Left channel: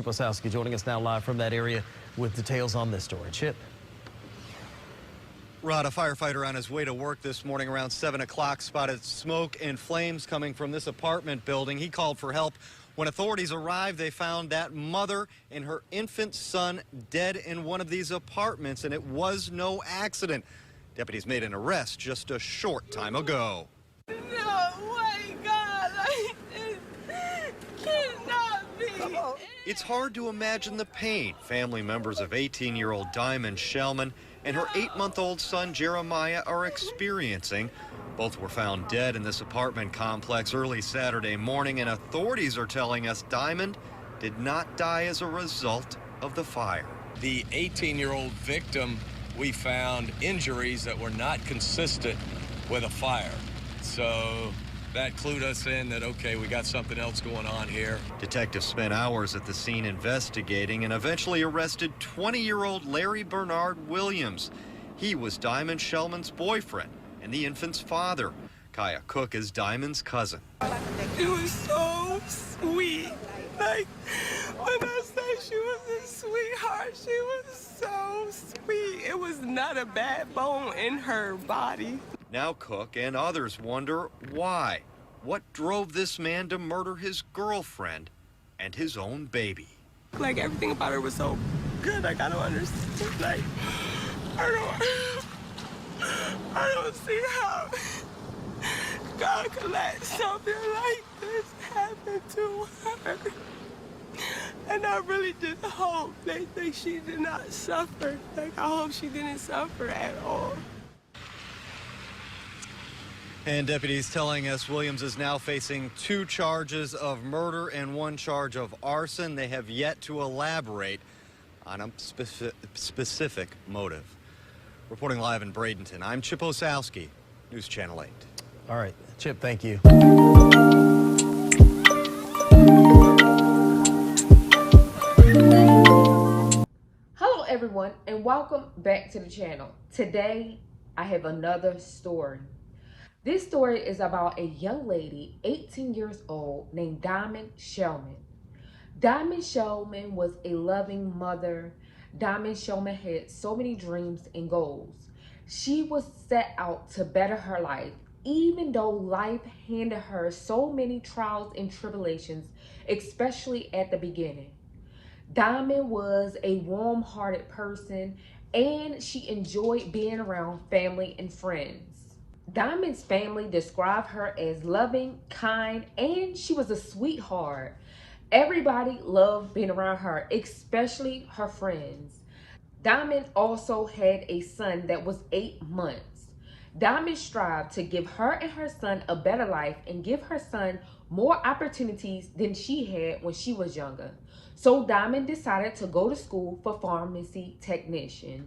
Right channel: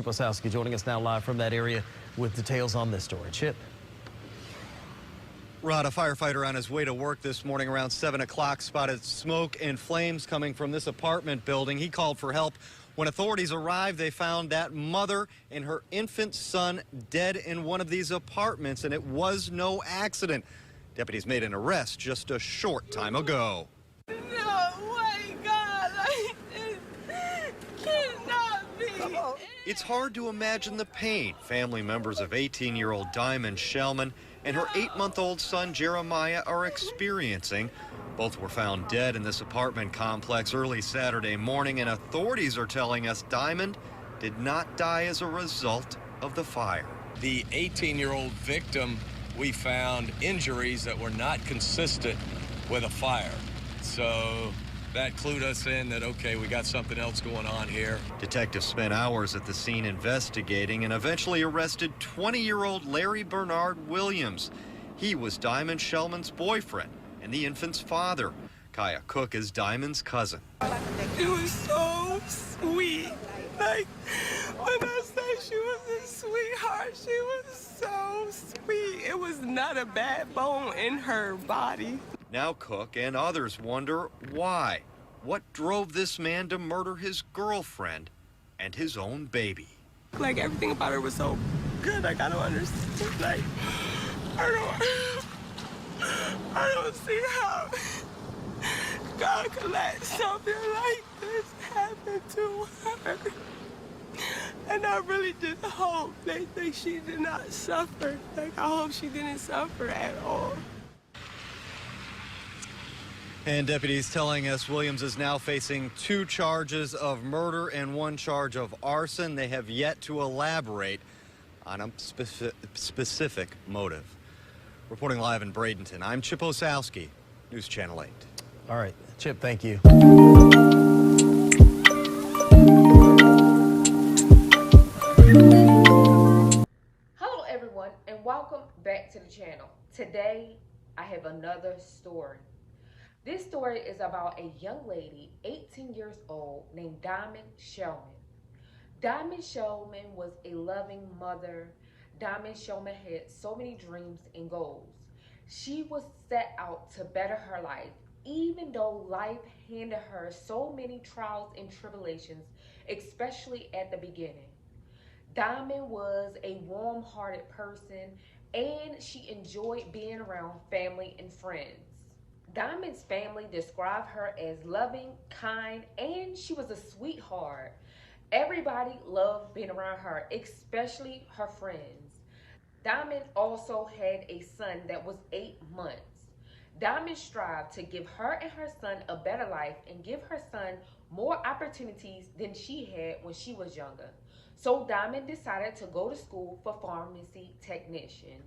Chip Osowski joining us now live from that area with details on this story. Chip. Rod, a firefighter on his way to work this morning around 7 o'clock spotted smoke and flames coming from this apartment building. He called for help. When authorities arrived, they found that mother and her infant son dead in one of these apartments, and it was no accident. Deputies made an arrest just a short time ago. No way, God, like this cannot be. It's hard to imagine the pain family members of 18-year-old Diamond Shellman and her 8-month-old son Jeremiah are experiencing. Both were found dead in this apartment complex early Saturday morning, and authorities are telling us Diamond did not die as a result of the fire. The 18-year-old victim, we found injuries that were not consistent with a fire. So that clued us in that, okay, we got something else going on here. Detectives spent hours at the scene investigating and eventually arrested 20-year-old Larry Bernard Williams. He was Diamond Shellman's boyfriend and the infant's father. Kaya Cook is Diamond's cousin. It was so sweet. Like, when I say she was a sweetheart, she was so sweet. It was not a bad bone in her body. Now Cook and others wonder why. What drove this man to murder his girlfriend and his own baby? Like, everything about her was so good. Like, I don't understand. Like, I don't see how God could let something like this happen to her. And I really just hope that she did not suffer. Like, I hope she didn't suffer at all. And deputies telling us Williams is now facing 2 charges of murder and 1 charge of arson. They have yet to elaborate on a specific motive. Reporting live in Bradenton, I'm Chip Osowski, News Channel 8. All right, Chip, thank you. Hello everyone, and welcome back to the channel. Today I have another story. This story is about a young lady, 18 years old, named Diamond Shellman. Diamond Shellman was a loving mother. Diamond Shellman had so many dreams and goals. She was set out to better her life, even though life handed her so many trials and tribulations, especially at the beginning. Diamond was a warm-hearted person, and she enjoyed being around family and friends. Diamond's family described her as loving, kind, and she was a sweetheart. Everybody loved being around her, especially her friends. Diamond also had a son that was 8 months. Diamond strived to give her and her son a better life and give her son more opportunities than she had when she was younger. So Diamond decided to go to school for pharmacy technician,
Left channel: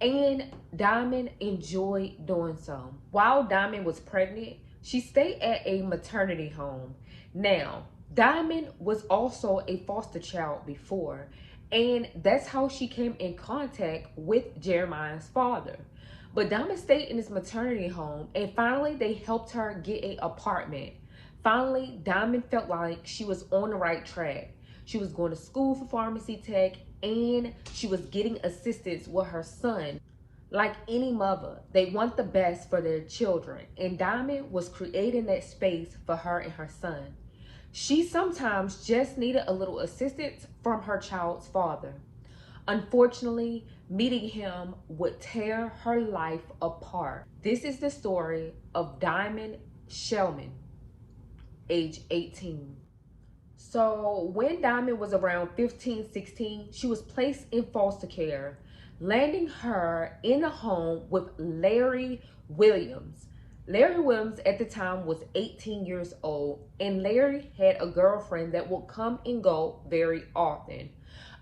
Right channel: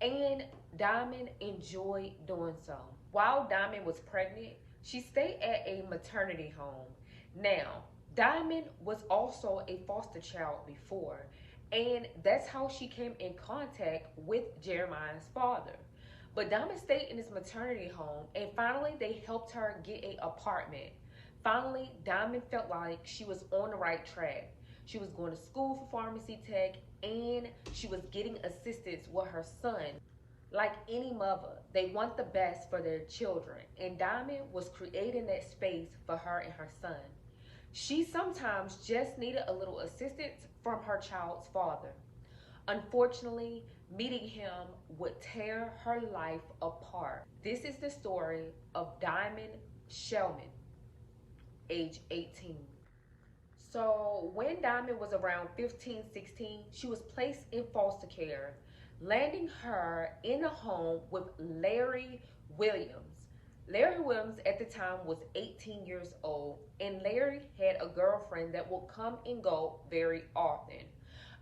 and Diamond enjoyed doing so. While Diamond was pregnant, she stayed at a maternity home. Now, Diamond was also a foster child before, and that's how she came in contact with Jeremiah's father. But Diamond stayed in this maternity home, and finally they helped her get an apartment. Finally, Diamond felt like she was on the right track. She was going to school for pharmacy tech, and she was getting assistance with her son. Like any mother, they want the best for their children, and Diamond was creating that space for her and her son. She sometimes just needed a little assistance from her child's father. Unfortunately, meeting him would tear her life apart. This is the story of Diamond Shellman, age 18. So when Diamond was around 15, 16, she was placed in foster care, landing her in a home with Larry Williams. Larry Williams at the time was 18 years old, and Larry had a girlfriend that would come and go very often.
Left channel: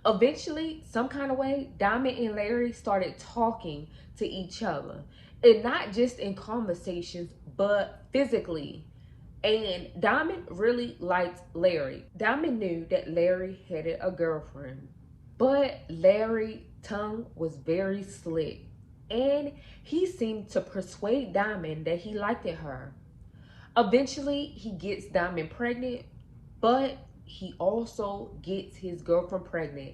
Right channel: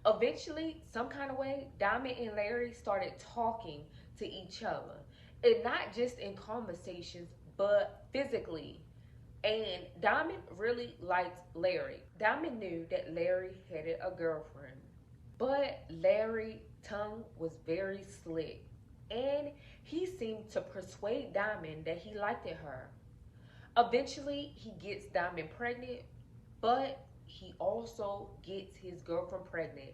Eventually, some kind of way, Diamond and Larry started talking to each other, and not just in conversations, but physically. And Diamond really liked Larry. Diamond knew that Larry had a girlfriend, but Larry's tongue was very slick, and he seemed to persuade Diamond that he liked her. Eventually, he gets Diamond pregnant, but he also gets his girlfriend pregnant,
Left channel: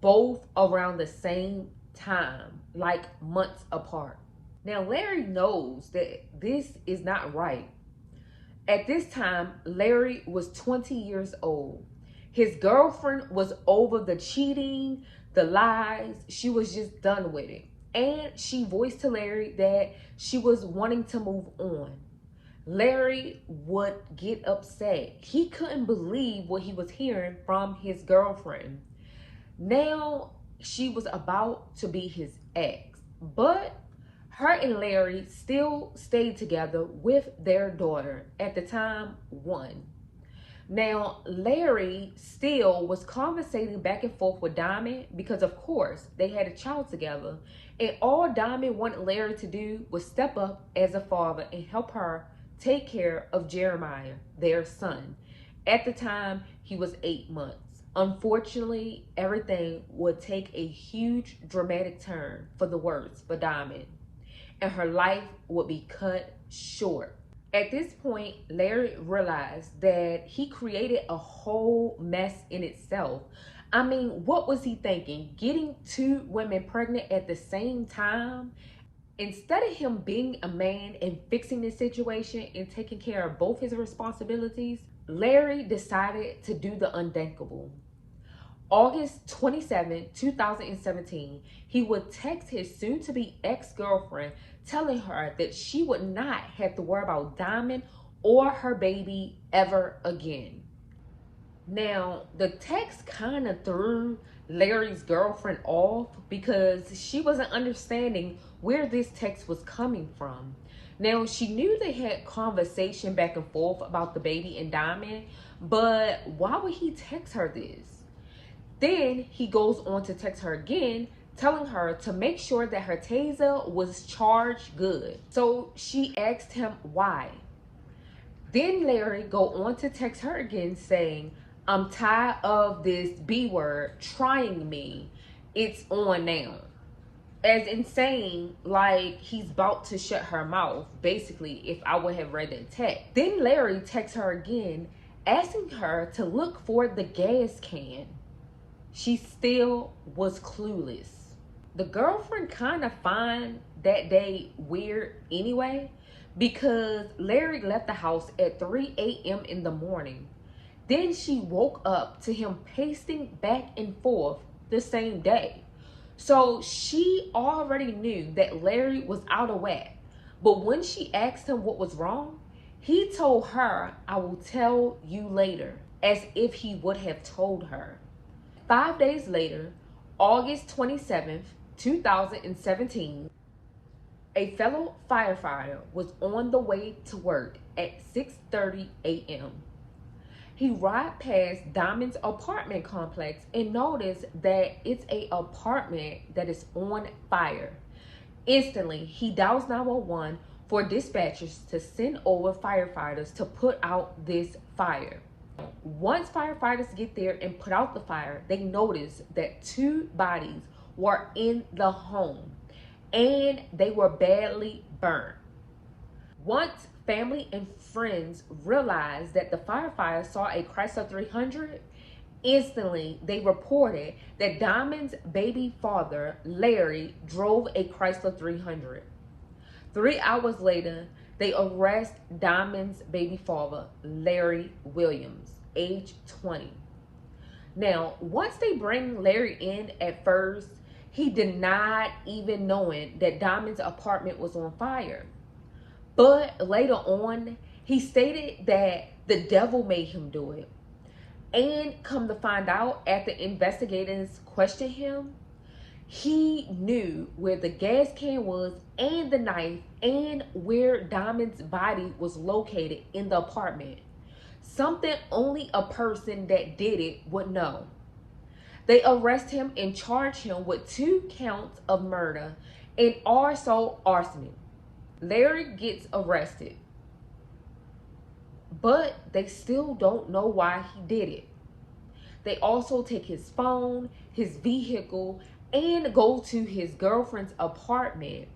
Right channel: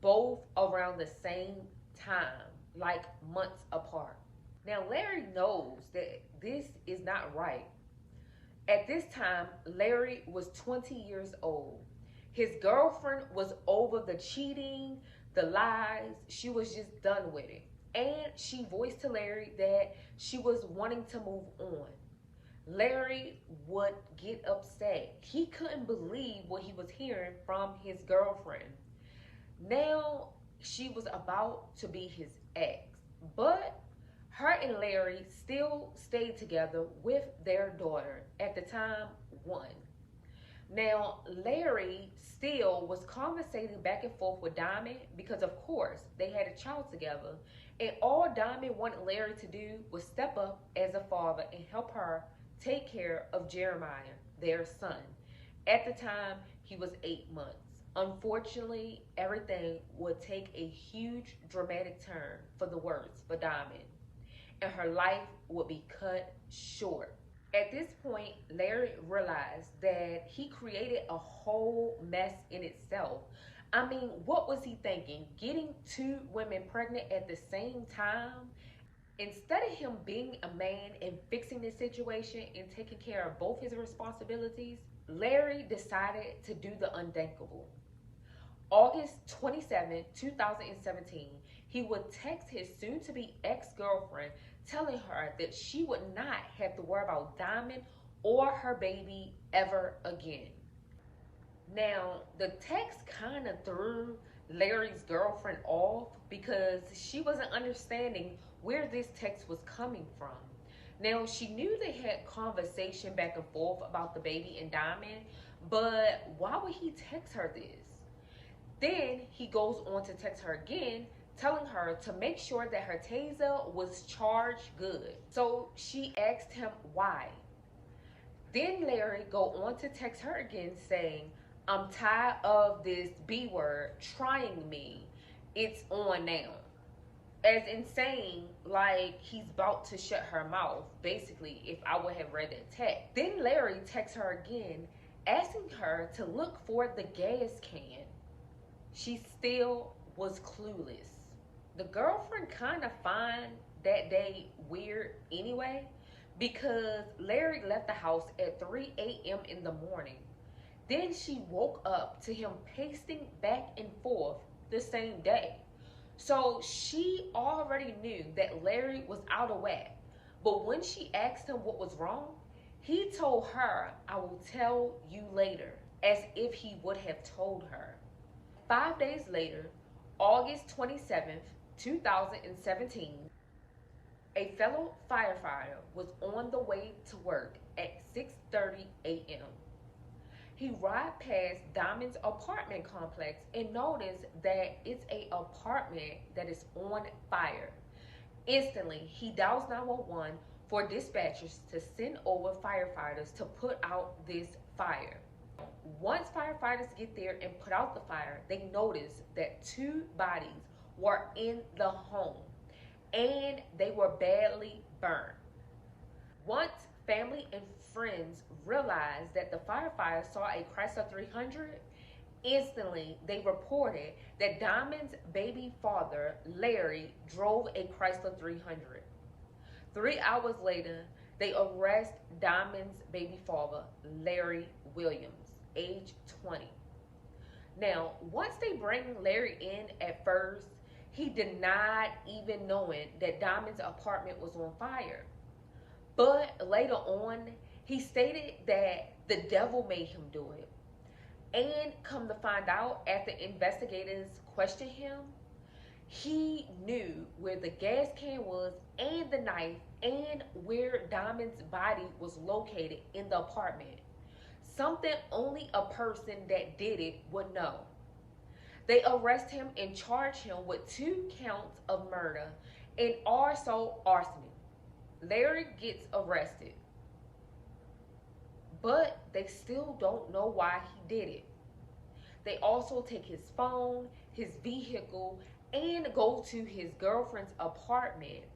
both around the same time, like months apart. Now, Larry knows that this is not right. At this time, Larry was 20 years old. His girlfriend was over the cheating, the lies. She was just done with it. And she voiced to Larry that she was wanting to move on. Larry would get upset. He couldn't believe what he was hearing from his girlfriend. Now she was about to be his ex, but her and Larry still stayed together with their daughter, at the time 1. Now, Larry still was conversating back and forth with Diamond because, of course, they had a child together. And all Diamond wanted Larry to do was step up as a father and help her take care of Jeremiah, their son. At the time, he was 8 months. Unfortunately, everything would take a huge dramatic turn for the worse for Diamond, and her life would be cut short. At this point, Larry realized that he created a whole mess in itself. I mean, what was he thinking? Getting 2 women pregnant at the same time? Instead of him being a man and fixing the situation and taking care of both his responsibilities, Larry decided to do the unthinkable. August 27, 2017, he would text his soon-to-be ex-girlfriend telling her that she would not have to worry about Diamond or her baby ever again. Now, the text kind of threw Larry's girlfriend off because she wasn't understanding where this text was coming from. Now, she knew they had conversation back and forth about the baby and Diamond, but why would he text her this? Then he goes on to text her again, telling her to make sure that her taser was charged good. So she asked him why. Then Larry go on to text her again saying, "I'm tired of this B word trying me. It's on now." As in saying, like, he's about to shut her mouth, basically, if I would have read that text. Then Larry texts her again, asking her to look for the gas can. She still was clueless. The girlfriend kind of find that day weird anyway, because Larry left the house at 3 a.m. in the morning. Then she woke up to him pacing back and forth the same day. So she already knew that Larry was out of whack. But when she asked him what was wrong, he told her, "I will tell you later," as if he would have told her. 5 days later, August 27th, 2017, a fellow firefighter was on the way to work at 6:30 a.m. He rode past Diamond's apartment complex and noticed that it's an apartment that is on fire. Instantly, he dials 911 for dispatchers to send over firefighters to put out this fire. Once firefighters get there and put out the fire, they notice that 2 bodies were in the home and they were badly burnt. Once family and friends realized that the firefighters saw a Chrysler 300, instantly they reported that Diamond's baby father, Larry, drove a Chrysler 300. 3 hours later, they arrest Diamond's baby father, Larry Williams, age 20. Now, once they bring Larry in, at first, he denied even knowing that Diamond's apartment was on fire. But later on, he stated that the devil made him do it. And come to find out, after investigators questioned him, he knew where the gas can was and the knife and where Diamond's body was located in the apartment. Something only a person that did it would know. They arrest him and charge him with 2 counts of murder and also arson. Larry gets arrested, but they still don't know why he did it. They also take his phone, his vehicle, and go to his girlfriend's apartment,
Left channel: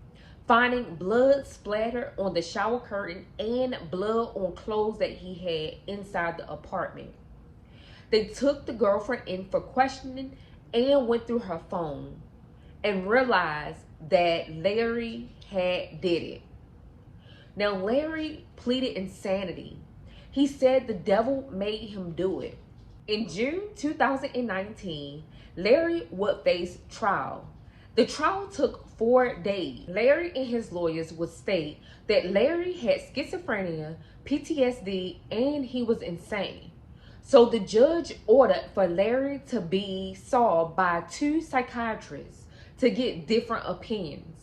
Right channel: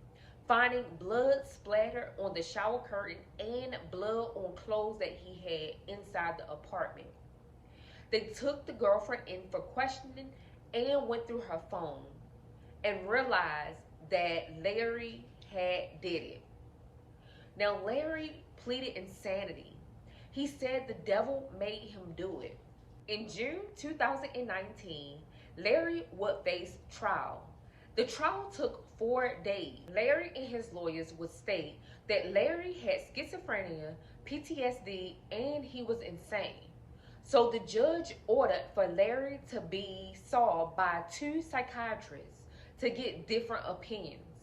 finding blood splattered on the shower curtain and blood on clothes that he had inside the apartment. They took the girlfriend in for questioning and went through her phone and realized that Larry had did it. Now, Larry pleaded insanity. He said the devil made him do it. In June 2019, Larry would face trial. The trial took 4 days. Larry and his lawyers would state that Larry had schizophrenia, PTSD, and he was insane. So the judge ordered for Larry to be saw by 2 psychiatrists to get different opinions.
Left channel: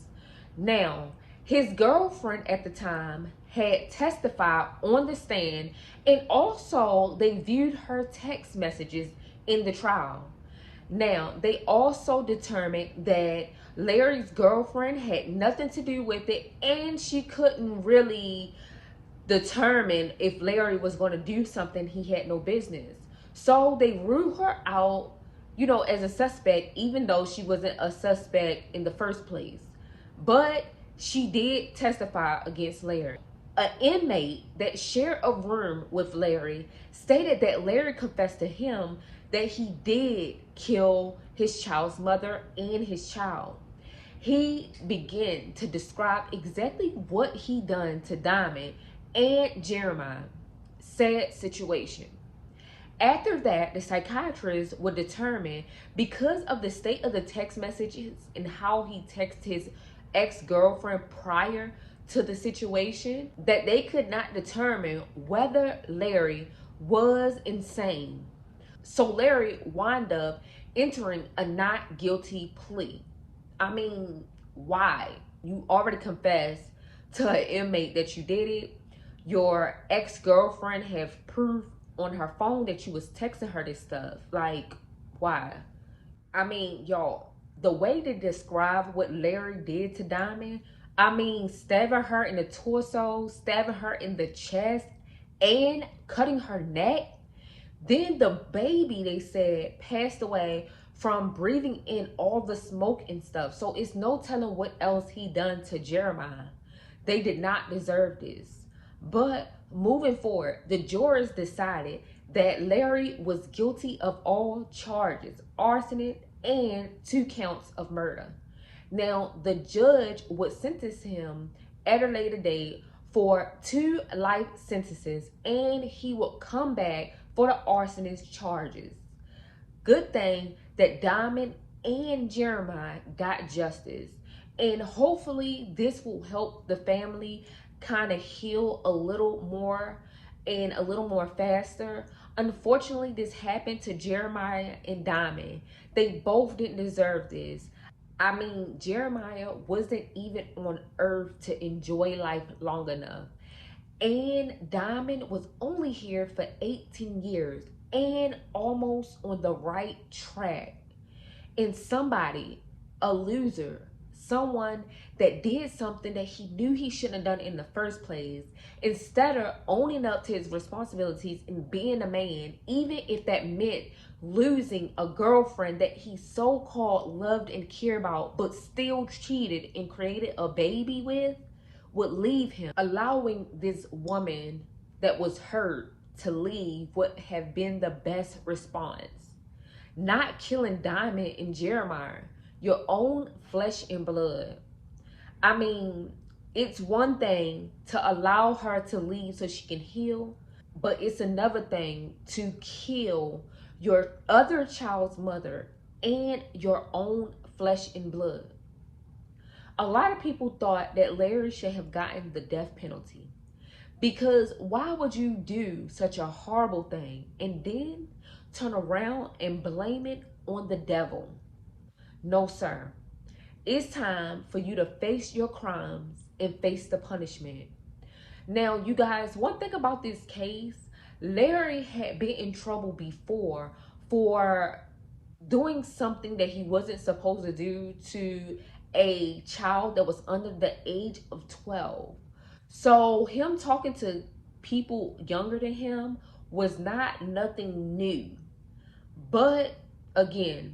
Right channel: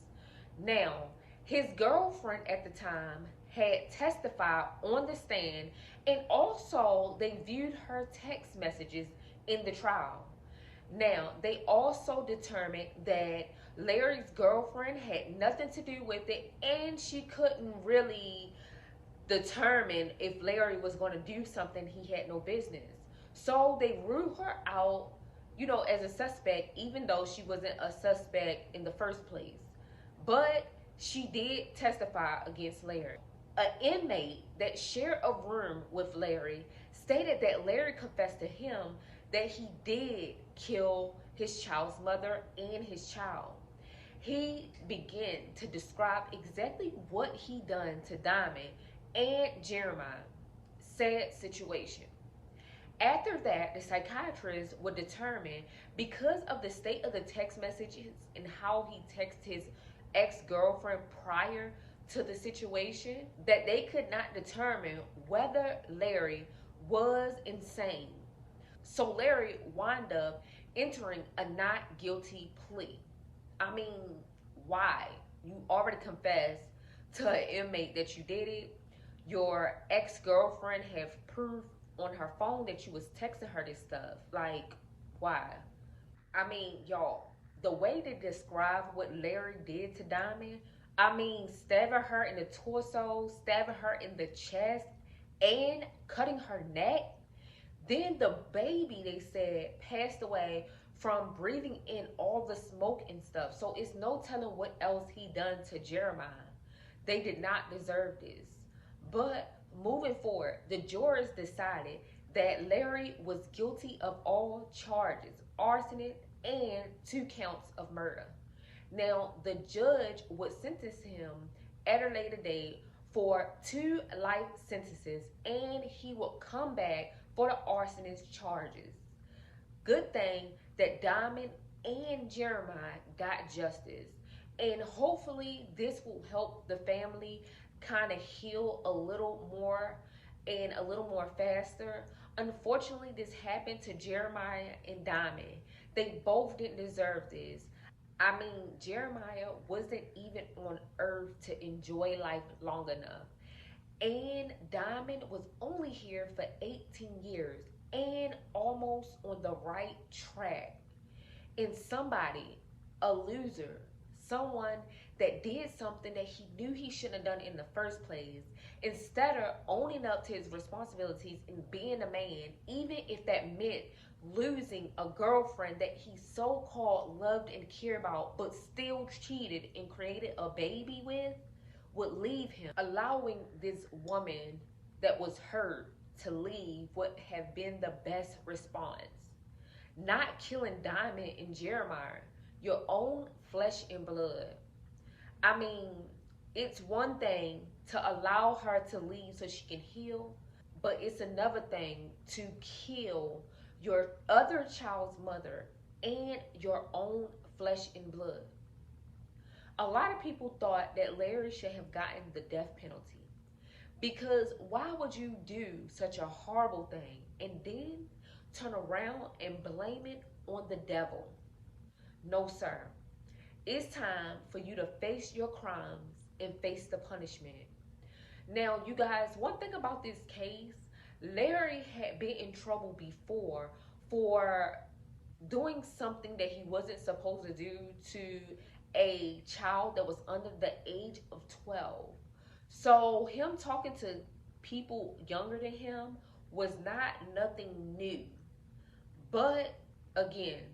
Now, his girlfriend at the time had testified on the stand, and also they viewed her text messages in the trial. Now, they also determined that Larry's girlfriend had nothing to do with it, and she couldn't really determine if Larry was going to do something he had no business. So they ruled her out, as a suspect, even though she wasn't a suspect in the first place. But she did testify against Larry. An inmate that shared a room with Larry stated that Larry confessed to him that he did kill his child's mother and his child. He began to describe exactly what he done to Diamond and Jeremiah. Sad situation. After that, the psychiatrist would determine, because of the state of the text messages and how he texted his ex-girlfriend prior to the situation, that they could not determine whether Larry was insane. So Larry wound up entering a not guilty plea. I mean, why? You already confessed to an inmate that you did it. Your ex-girlfriend have proof on her phone that you was texting her this stuff. Like, why? I mean, y'all, the way they describe what Larry did to Diamond, stabbing her in the torso, stabbing her in the chest, and cutting her neck. Then the baby, they said, passed away from breathing in all the smoke and stuff. So it's no telling what else he done to Jeremiah. They did not deserve this. But moving forward, the jurors decided that Larry was guilty of all charges, arson and 2 counts of murder. Now, the judge would sentence him at a later date for 2 life sentences, and he would come back for the arsonist charges. Good thing that Diamond and Jeremiah got justice, and hopefully this will help the family kind of heal a little more and a little more faster. Unfortunately, this happened to Jeremiah and Diamond. They both didn't deserve this. Jeremiah wasn't even on earth to enjoy life long enough. And Diamond was only here for 18 years and almost on the right track. And somebody, a loser, someone that did something that he knew he shouldn't have done in the first place, instead of owning up to his responsibilities and being a man, even if that meant losing a girlfriend that he so-called loved and cared about, but still cheated and created a baby with, would leave him, allowing this woman that was hurt to leave would have been the best response. Not killing Diamond and Jeremiah, your own flesh and blood. It's one thing to allow her to leave so she can heal, but it's another thing to kill your other child's mother and your own flesh and blood. A lot of people thought that Larry should have gotten the death penalty, because why would you do such a horrible thing and then turn around and blame it on the devil? No, sir. It's time for you to face your crimes and face the punishment. Now, you guys, one thing about this case, Larry had been in trouble before for doing something that he wasn't supposed to do to a child that was under the age of 12. So him talking to people younger than him was not nothing new. But again,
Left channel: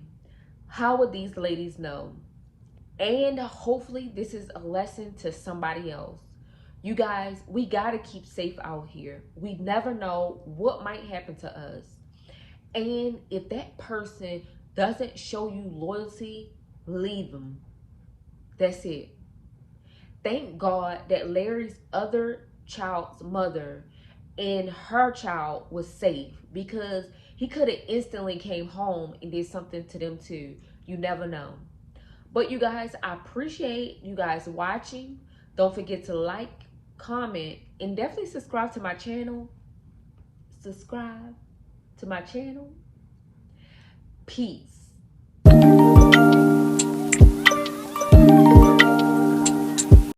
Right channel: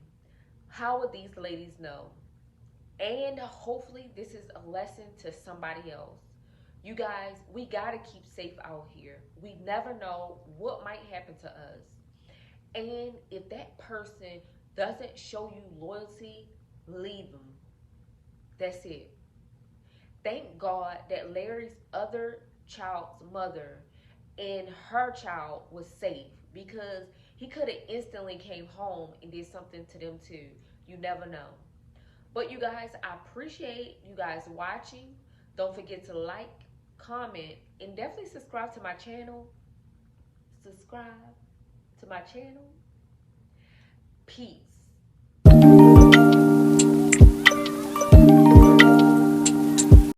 how would these ladies know? And hopefully this is a lesson to somebody else. You guys, we gotta keep safe out here. We never know what might happen to us. And if that person doesn't show you loyalty, leave them. That's it. Thank God that Larry's other child's mother and her child was safe, because he could have instantly came home and did something to them too. You never know. But you guys, I appreciate you guys watching. Don't forget to like, comment, and definitely subscribe to my channel. Subscribe to my channel. Peace.